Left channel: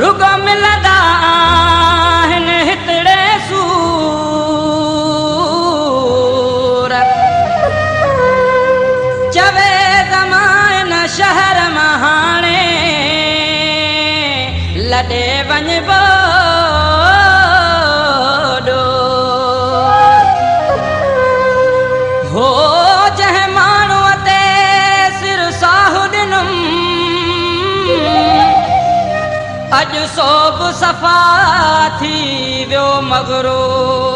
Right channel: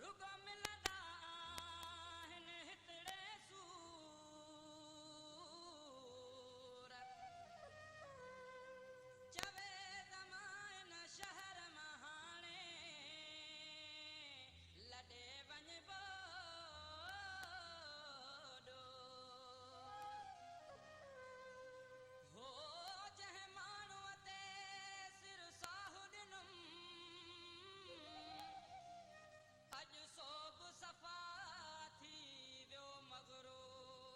रुगो मिलंदा आहिनि हितड़े सूर चवे ज़माइन शहर मां हाणे लॾे वञिबो हो जंहिं माण्हूअ ते सिर साहु ॾिनुमि अॼु सोभ सफ़ा थी वियो मगरो।